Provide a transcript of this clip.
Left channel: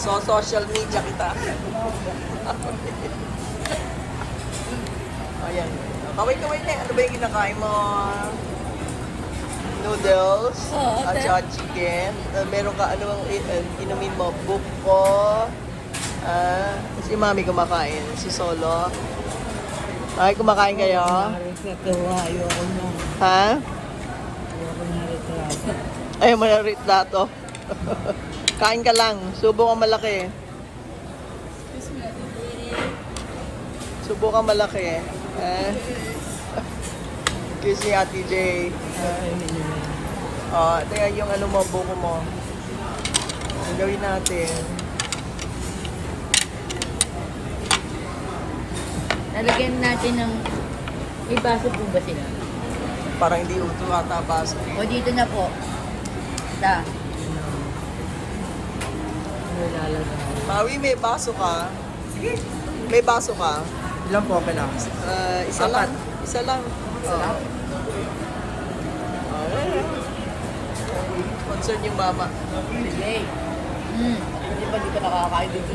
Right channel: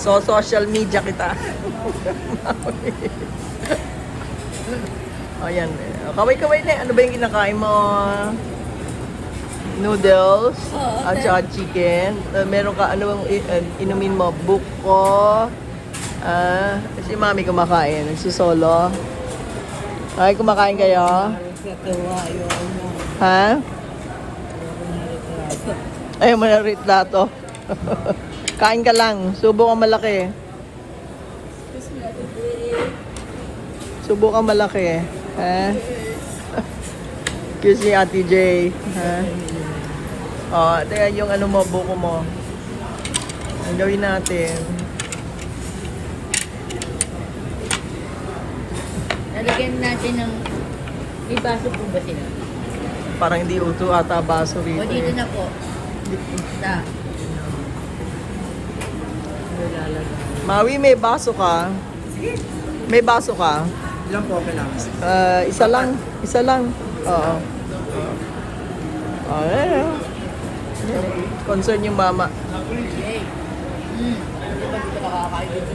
So, social media kita. Ayan. Kaway-kaway na. Ano ba yung kinakain mo? Noodles. Oo, At okay. saka chicken. Meron ka, ano bang inumin mo? Buko. Si mami kumakain. Susolo. Ay, kumakain kayo? Ha? Ay, malarit lato. Kain ka lang. Subo kang malaki. Subo kang malaki. Ha? Kiss ni Ate J. Ha? Oh, teka yung ano mo, buko mo. Ang gawin natin. Nalagyan natin ng ibaso po ba sila? Parang hindi uto ata baso O rito. dito na po. Na. Mawi, may baso ka? May baso ka? Ilan po okay lang? Isa lang. Isa lang. Oo. Ayan. Concern yung mama. Yay. Hindi ba dito nakakain dito